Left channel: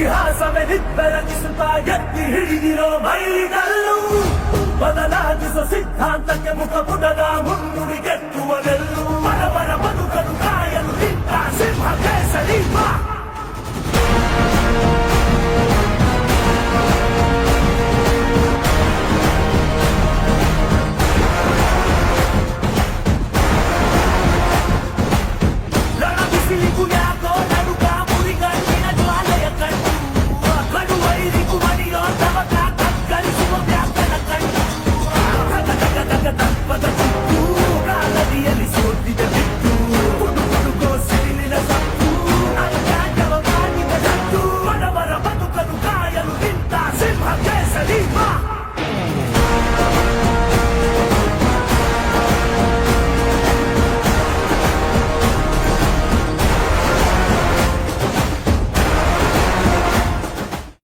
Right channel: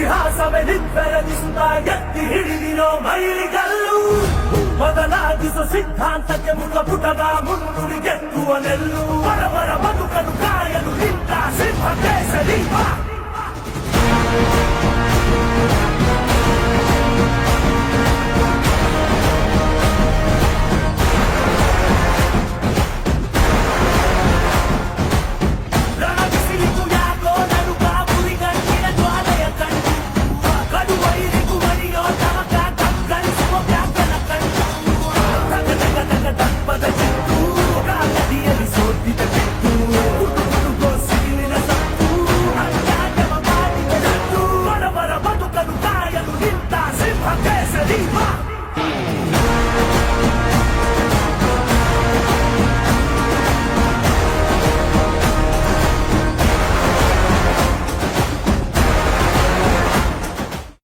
ಇತಿಹಾಸವೇ ನಿತ್ತೆರಗಿಸುತ್ತ ಎತ್ತಿ ಹಿಡಿದಿರೋ ಮೈಲಿಗಲ್ಲು ಬದಲಾಗಿಸೋ ಸಿದ್ಧಾಂತಕ್ಕೆ ಮುಖ ಪುಟದ ಮುನ್ನುಡಿ ಗೆತ್ತುವ ನೆಲ್ಲು 立力霸。